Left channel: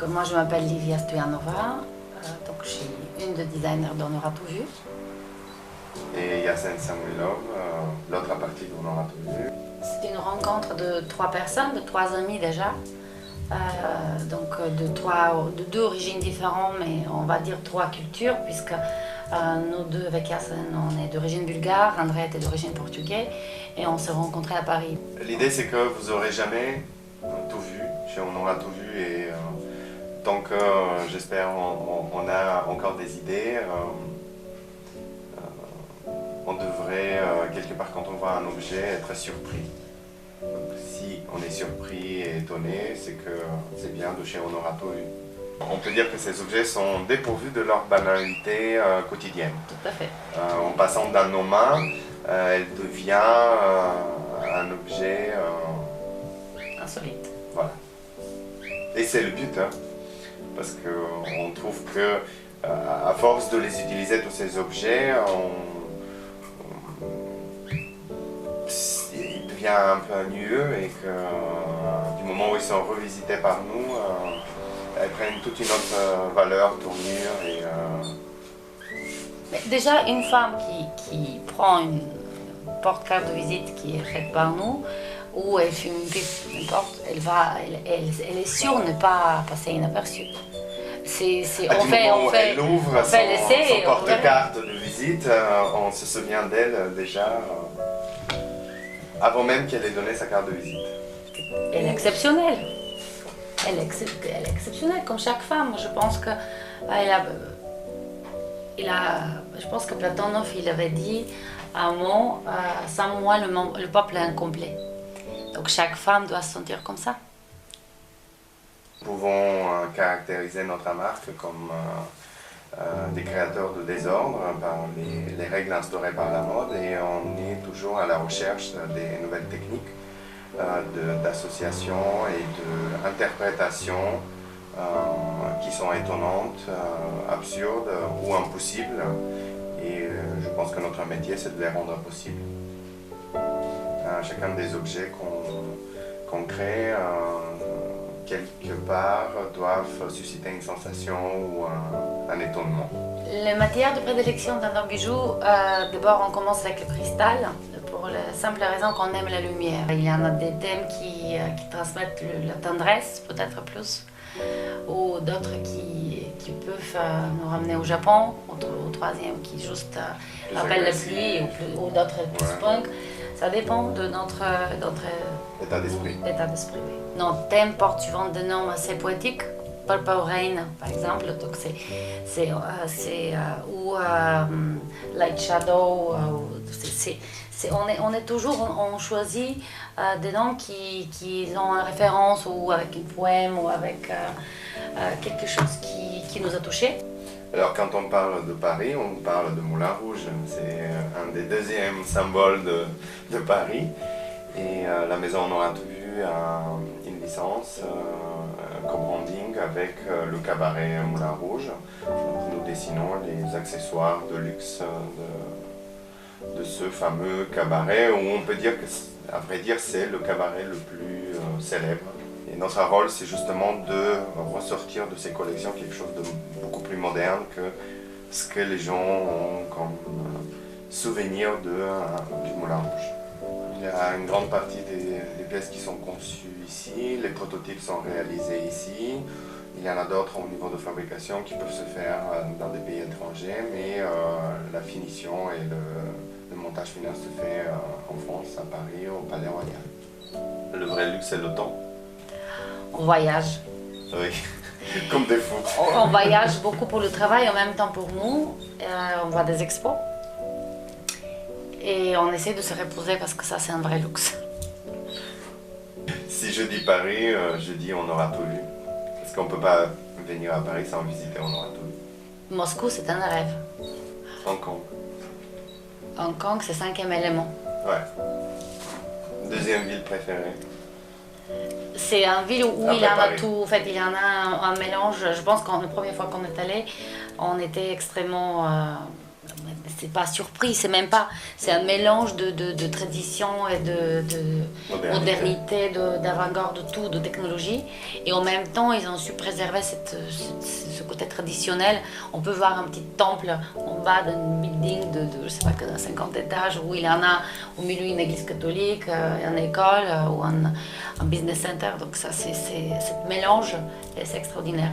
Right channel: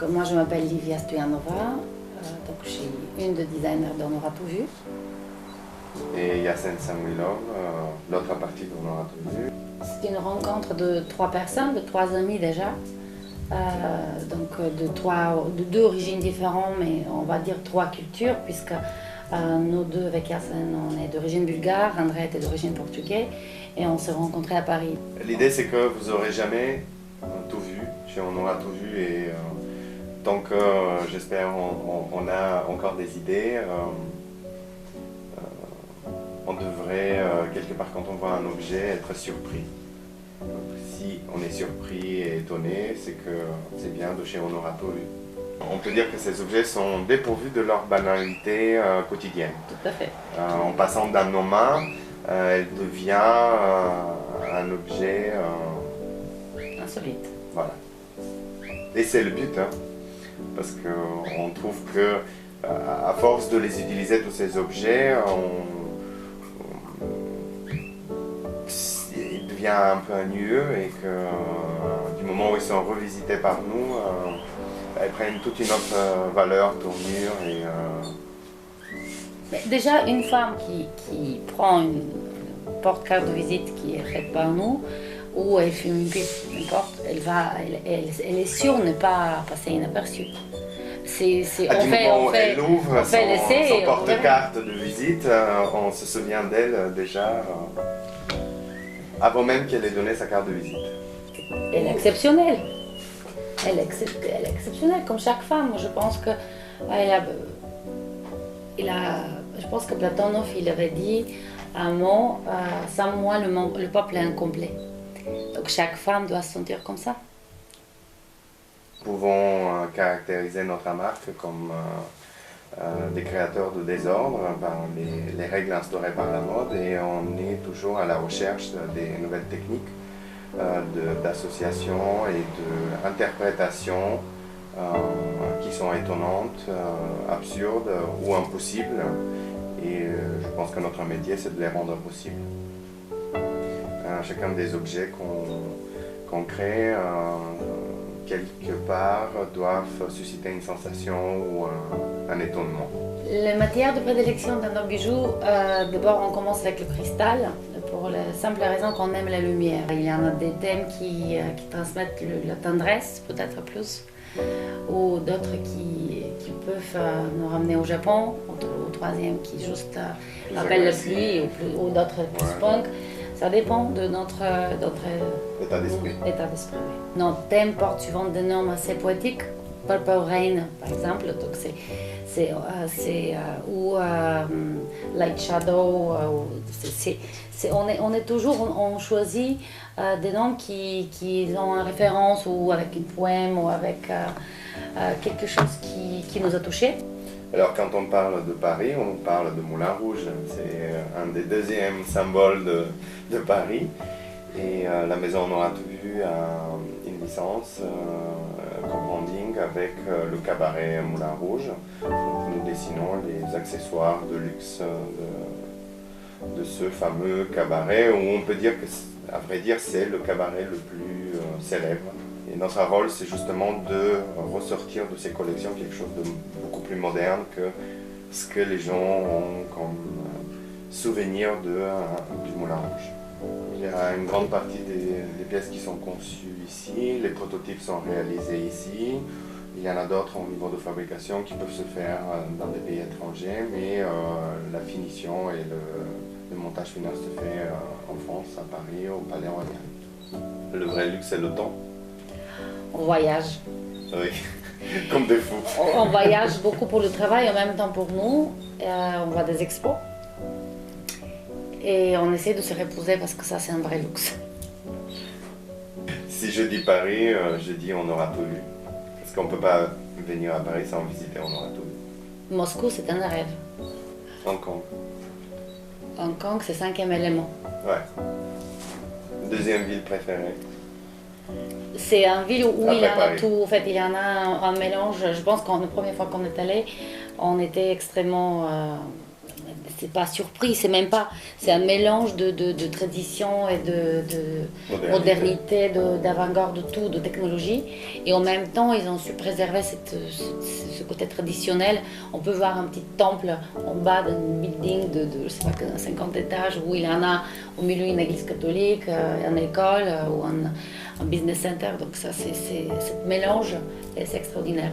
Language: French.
Donc moi je m'appelle Livia Stoyanova, donc je suis une des designers d'On aura tout vu. Et Yassen Samuilov, l'autre partie d'On aura tout vu. C'est une rencontre de 3 personnes, de 3 amis déjà. Donc de 2 origines différentes, mais on va dire 3 cultures, puisque nous deux avec Yassen, on est d'origine bulgare, André est d'origine portugaise, et on s'est rencontrés à Paris. L'idée c'est que vous n'aurez jamais tout vu, chez On aura tout vu, et tant que j'espère on a encore des idées, on devrait quelque part quand on voit un objet être surpris. Donc, si on est surpris et étonné, c'est que c'est bien de chez On aura tout vu. On peut dire que ces objets sont dépourvus de leur banalité quotidienne. Tout à fait. En passant dans nos mains, elle devient un objet Insolite. Voilà. Et c'est le but, hein, parce qu'on trouve que à force de les utiliser, tous ces objets, il devient un peu ennuyeux et que du moment où ils sont revisités par nous, elles prennent toute une autre valeur, tournure. Mais déjà, une femme qui prend une porte-carte de visite qui est faite par nous, ou elle fume une pipe, n'importe, elle est sûre de ne pas passer inaperçue. On fait l'ouvre son son porte-carte de visite, on se souvient d'elle déjà avant même qu'elle ait donné sa carte de visite. Elle est exceptionnelle. Elle est exceptionnelle, comme chaque femme. Je pense que je pense que Platonov il avait dit un mot, sans moi le peuple est incomplet. Donc chaque femme doit se sentir comme ça. Nous pouvons caractériser notre marque comme des créateurs de désordre par les règles instaurées par la mode, et on est toujours à la recherche des nouvelles techniques d'association et d'interprétation qui sont étonnantes, absurdes ou impossibles. Et je pense que notre métier, c'est de les rendre possibles. Chacun des objets qu'on crée, quelque part, doivent susciter une sensation ou un étonnement. Les matières de prédilection dans nos bijoux, d'abord on commence avec le cristal, pour la simple raison qu'on aime la lumière. Il y en a des thèmes qui transmettent la tendresse, peut-être plus, ou d'autres qui peuvent nous ramener au Japon, au troisième qui juste rappelle la pluie, ou d'autres plus punk. Ça dépend de notre état d'esprit. Oui. Nos thèmes portent souvent des noms assez poétiques. Purple Rain, par exemple, donc ou Light Shadow. On choisit des noms qui ont une référence ou avec un poème ou avec quelque chose qui nous a touchés. Alors quand on parle de Paris, on parle de Moulin Rouge. C'est un des deuxièmes symboles de Paris. Et la maison On aura tout vu a une licence co-branding avec le cabaret Moulin Rouge. Donc, nous dessinons les accessoires de luxe de ce fameux cabaret, où on peut dire que, à vrai dire, c'est le cabaret le plus célèbre. Et notre rôle, c'est justement de ressortir de ces collections quelque chose de beaucoup plus moderne que ce que les gens ont comme souvenir du Moulin Rouge. Il y a une grande partie des pièces qui sont conçues ici, les prototypes sont réalisés ici. Il y en a d'autres au niveau de fabrication qui peuvent se faire dans des pays étrangers, mais la finition et le montage final se fait en France, à Paris, au Palais Royal. Le vrai luxe, c'est le temps. On voyage. Oui, comme des fous. On voyage beaucoup pour le travail, en même temps pour nous. On voit des expos. Et on essaie de se reposer parce que ça, c'est un vrai luxe. Si je dis Paris, je dis On aura tout vu. Parce qu'on ne peut pas venir à Paris sans visiter On aura tout vu. Moscou, c'est un rêve. Hong Kong. Hong Kong, c'est 5e élément. Ouais. Deuxième ville préférée. C'est une ville où il y en a Paris. tout. En fait, il y en a un mélange. Je pense que la première fois qu'on est allé, on était extrêmement c'est pas surpris, c'est même pas, c'est un mélange de tradition et de modernité, d'avant-garde, de tout, de technologie. Et en même temps, ils ont su préserver ce côté traditionnel. On peut voir un petit temple en bas d'un building de je sais pas, 50 étages, où il y en a au milieu une église catholique, une école ou un business center. Donc ça, c'est ce mélange et c'est extraordinaire.